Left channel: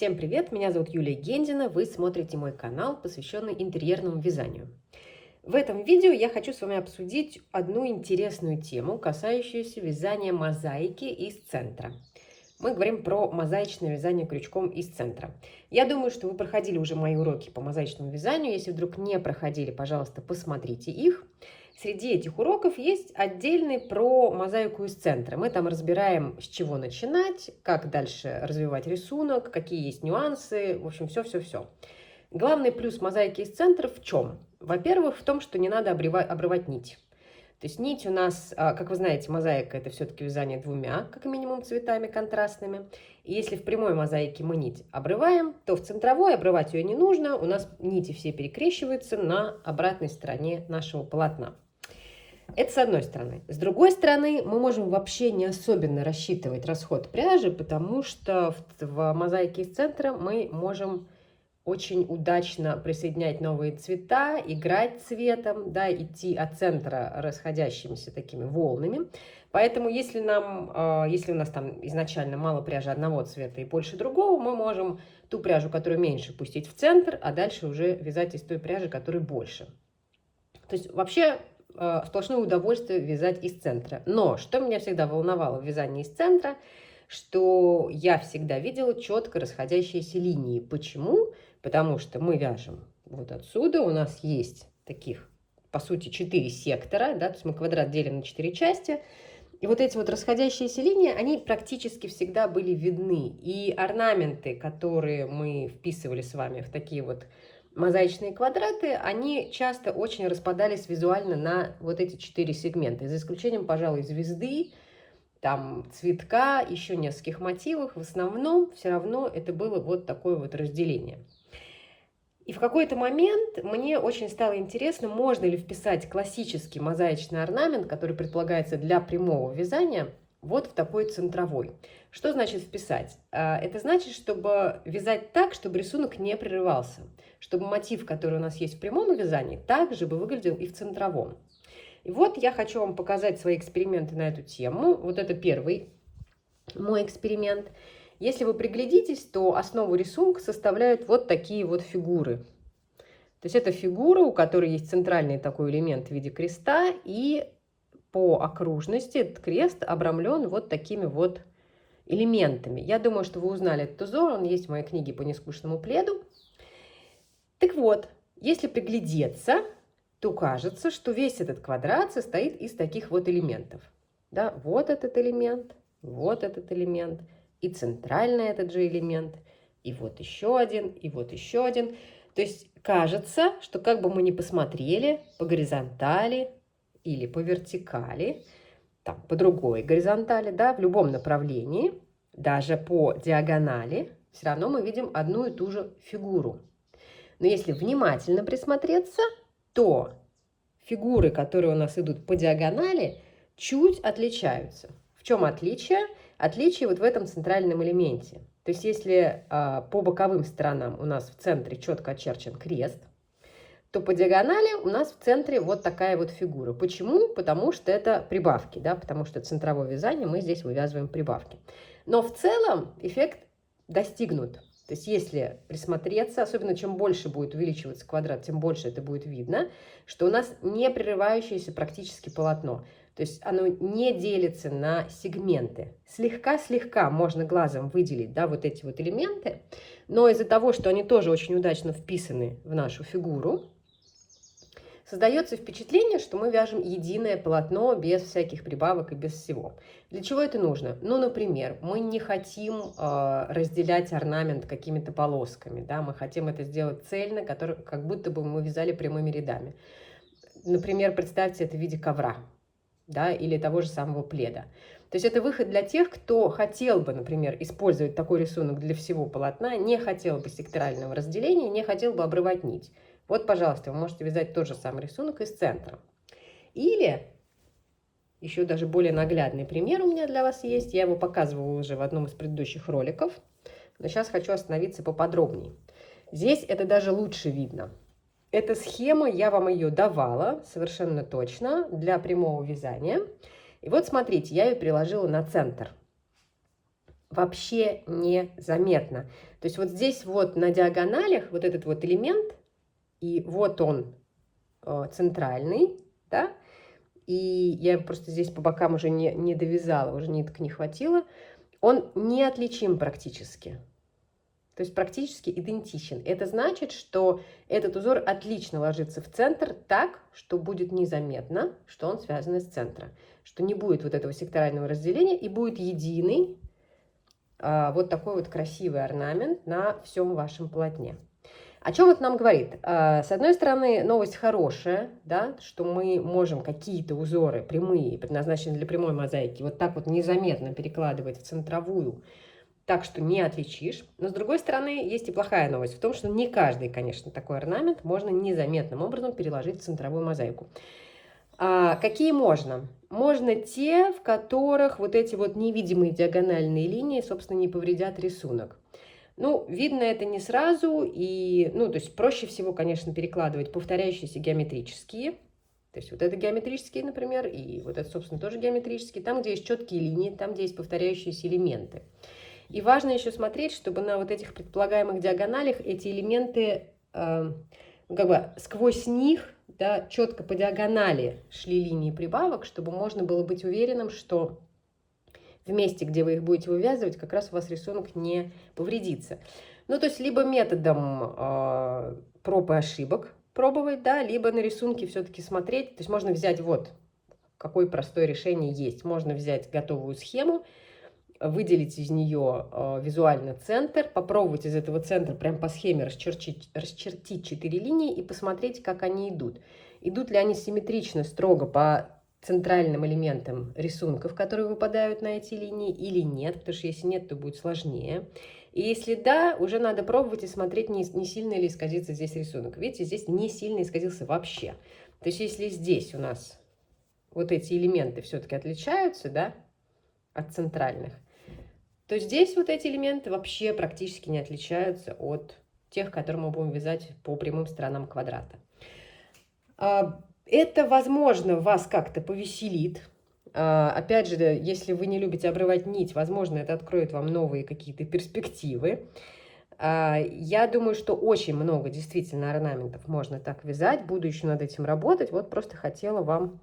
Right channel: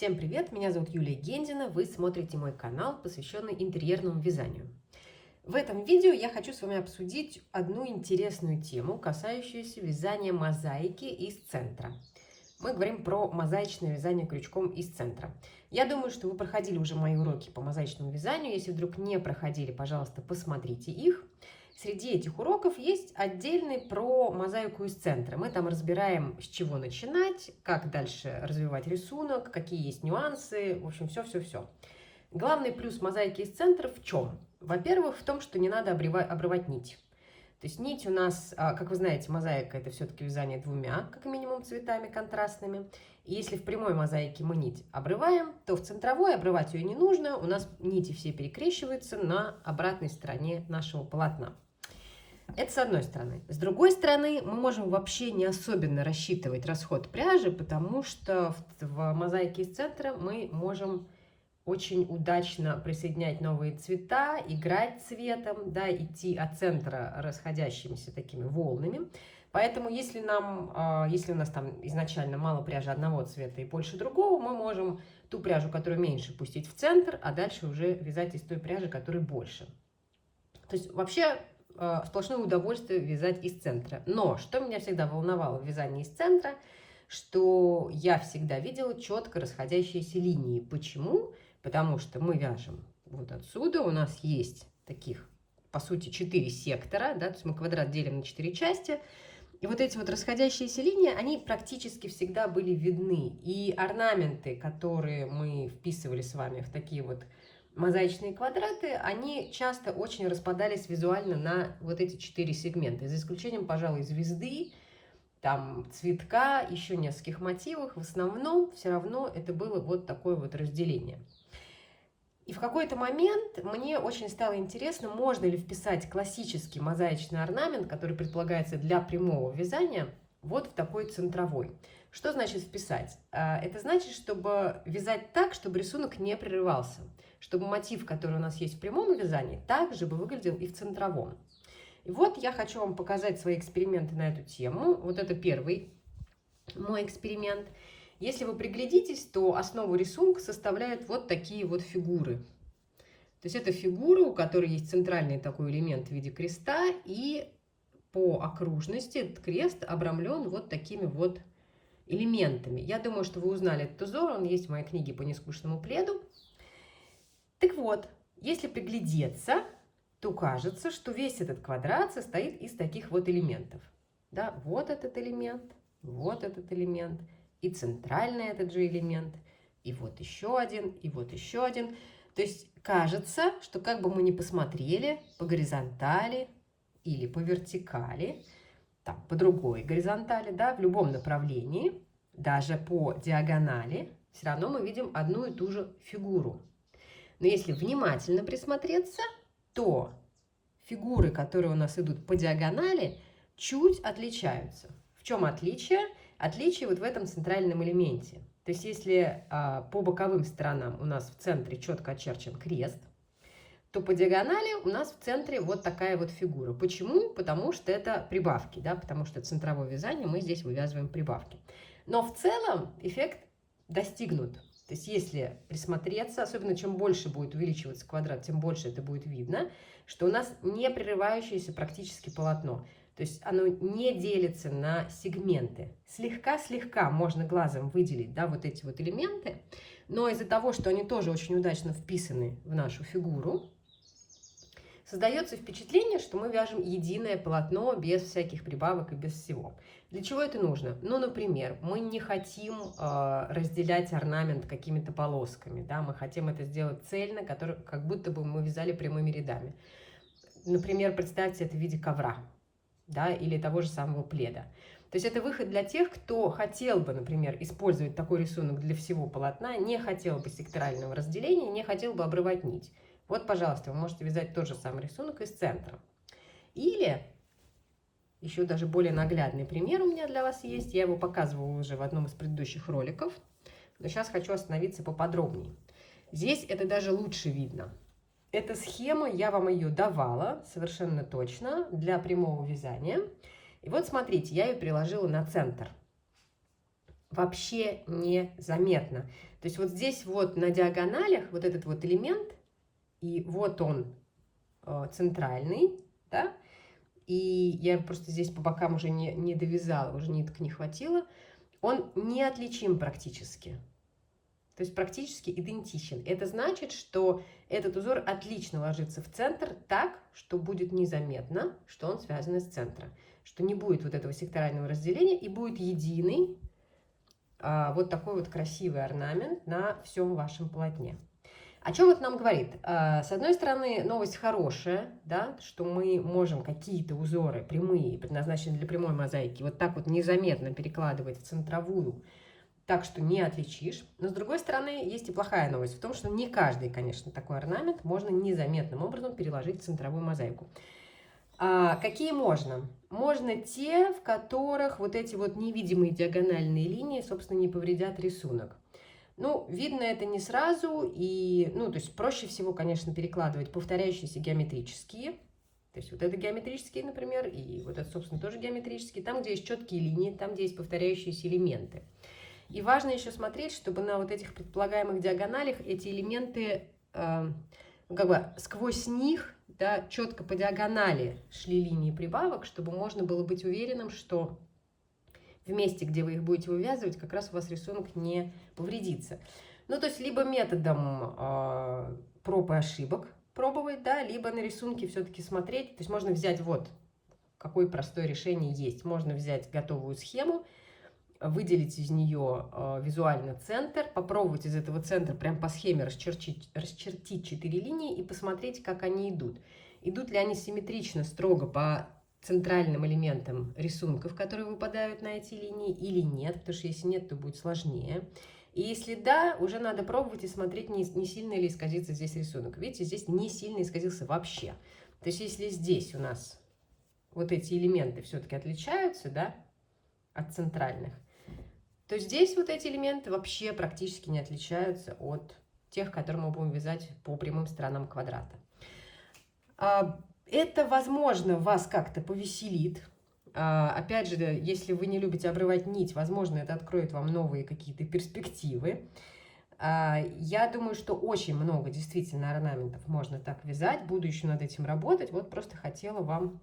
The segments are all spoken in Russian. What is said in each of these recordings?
Всем привет, меня зовут Юлия Гендина, вы смотрите мой канал, посвященный интерьерному вязанию. В этом видео я хочу с вами обсудить одну интересную тему, касающуюся вязания мозаики из центра. Мы говорим про мозаичное вязание крючком из центра. Я думаю, что вы проходили уже мои уроки по мозаичному вязанию. Если вдруг не проходили, пожалуйста, посмотрите их. Среди этих уроков есть отдельный про мозаику из центра. Мы там разбираем, с чего начинать, как дальше развивать рисунок, какие есть нюансы, в общем, все-все-все. Главный плюс мозаики из центра в чем? Во-первых, в том, что не надо обрывать нить. То есть нить у нас, как вы знаете, мозаика – это все-таки вязание двумя, как минимум, цветами контрастными. И если в прямой мозаике мы нить обрываем, то в центровой обрывать ее не нужно. У нас нити все перекрещиваются на обратной стороне нашего полотна. Это с одной стороны. С другой стороны, мы можем вообще не особенно рассчитывать расход пряжи, потому что в мозаике из центра мы можем очень удачно присоединять новые цвета, играть цветом, да, идти от центра расходящимися такими волнами. Поэтому если у нас там изначально мало пряжи одного цвета и больше другого, мы можем ту пряжу, которую меньше, пустить в центр, а дальше уже вязать из той пряжи, которая больше. То есть вообще сплошное удовольствие вязать из центра. Но что меня всегда волновало в вязании из центра, что я всегда видела четко расходящиеся линии. Почему? Потому что мы вяжем вот отсюда, у нас есть таких, по сути, 4 сектора, да, то есть мы квадрат делим на 4 части, и вот эти вот расходящиеся линии, они практически всегда были видны, и орнаменты, которые мы вписывали с вами в такие вот мозаичные квадраты, они часто очень распадались визуально на вот эти 4 сегмента, за исключением, пожалуй, звезды, там цветка, еще нескольких мотивов, в основном все равно это было вот такое вот разделение. И в какой-то момент мне очень стало интересно, можно ли вписать классический мозаичный орнамент, который предполагается для прямого вязания, вот в такой центровой. Что значит вписать? Это значит, чтобы вязать так, чтобы рисунок не прерывался, чтобы мотив, который у нас есть в прямом вязании, также бы выглядел и в центровом. И вот я хочу вам показать свои эксперименты на эту тему. Вот это первый мой эксперимент. Если вы приглядитесь, то основу рисунка составляют вот такие вот фигуры. То есть это фигура, у которой есть центральный такой элемент в виде креста, и по окружности этот крест обрамлен вот такими вот элементами. Я думаю, что вы узнали этот узор, он есть в моей книге по нескучному пледу. Так вот, если приглядеться, то кажется, что весь этот квадрат состоит из таких вот элементов. Да, вот этот элемент, вот этот элемент, и центральный этот же элемент, и вот еще один, и вот еще один. То есть кажется, что как бы мы ни посмотрели по горизонтали или по вертикали, там, по другой горизонтали, да, в любом направлении, даже по диагонали, все равно мы видим одну и ту же фигуру. Но если внимательно присмотреться, то фигуры, которые у нас идут по диагонали, чуть отличаются. В чем отличие? Отличие вот в этом центральном элементе. То есть если по боковым сторонам у нас в центре четко очерчен крест, то по диагонали у нас в центре вот такая вот фигура. Почему? Потому что это прибавки, да, потому что центровое вязание мы здесь вывязываем прибавки. Но в целом эффект достигнут. То есть если присмотреться, особенно чем больше будет увеличиваться квадрат, тем больше это будет видно, что у нас не прерывающееся практически полотно. То есть оно не делится на сегменты. Слегка-слегка можно глазом выделить, да, вот эти вот элементы, но из-за того, что они тоже очень удачно вписаны в нашу фигуру, создается впечатление, что мы вяжем единое полотно без всяких прибавок и без всего. Для чего это нужно? Ну, например, мы не хотим разделять орнамент какими-то полосками, да, мы хотим это сделать цельно, как будто бы мы вязали прямыми рядами. Например, представьте это в виде ковра, да, или того же самого пледа. То есть это выход для тех, кто хотел бы, например, использовать такой рисунок для всего полотна, не хотел бы секторального разделения, не хотел бы обрывать нить. Вот, пожалуйста, вы можете вязать тот же самый рисунок из центра. Или, еще даже более наглядный пример у меня для вас есть, я его показывала уже в одном из предыдущих роликов, но сейчас хочу остановиться поподробнее. Здесь это даже лучше видно. Эта схема, я вам ее давала совершенно точно для прямого вязания. И вот смотрите, я ее приложила на центр. вообще незаметно. То есть вот здесь вот на диагоналях вот этот вот элемент, и вот он центральный, да, и я просто здесь по бокам уже не довязала, уже ниток не хватило, он неотличим практически. То есть практически идентичен. Это значит, что этот узор отлично ложится в центр так, что будет незаметно, что он связан с центром. Что не будет вот этого секторального разделения и будет единый вот такой вот красивый орнамент на всем вашем полотне. О чем это нам говорит? С одной стороны, новость хорошая, да, что мы можем какие-то узоры прямые, предназначенные для прямой мозаики, вот так вот незаметно перекладывать в центровую, так что не отличишь. Но с другой стороны, есть и плохая новость в том, что не каждый, конечно, такой орнамент можно незаметным образом переложить в центровую мозаику. Какие можно? Можно те, в которых вот эти вот невидимые диагональные линии, собственно, не повредят рисунок. Ну, видно это не сразу, и, ну, то есть проще всего, конечно, перекладывать повторяющиеся геометрические. То есть вот это геометрические, например, и вот это, собственно, тоже геометрические. Там, где есть четкие линии, там, где есть повторяющиеся элементы. И важно еще смотреть, чтобы на вот этих предполагаемых диагоналях эти элементы, как бы сквозь них, да, четко по диагонали шли линии прибавок, чтобы можно было быть уверенным, что в месте, где вы их будете вывязывать, как раз у вас рисунок не повредится. Ну, то есть либо методом проб и ошибок пробовать, да, либо на рисунке все-таки смотреть. То есть можно взять вот какое простое решение есть. Можно взять готовую схему, выделить из нее визуально центр, попробовать из этого центра прям по схеме расчертить 4 линии и посмотреть, как они идут. Идут ли они симметрично, строго по центральным элементам рисунков, которые выпадают на эти линии, или нет, потому что если нет, то будет сложнее. И если да, уже надо пробовать и смотреть, не сильно ли исказится здесь рисунок. Видите, здесь не сильно исказился вообще. То есть если здесь у нас вот эти элементы все-таки отличаются, да, от центральных, то здесь вот эти элементы вообще практически не отличаются от тех, которые мы будем вязать по прямым сторонам квадрата. Это, возможно, вас как-то повеселит. Опять же, если вы не любите обрывать нить, возможно, это откроет вам новые какие-то перспективы. Я думаю, что очень много действительно орнаментов можно так вязать. Буду еще над этим работать. Вот просто хотела вам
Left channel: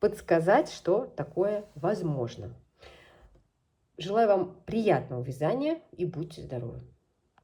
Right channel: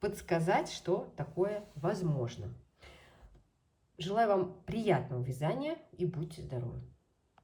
подсказать, что такое возможно. Желаю вам приятного вязания и будьте здоровы!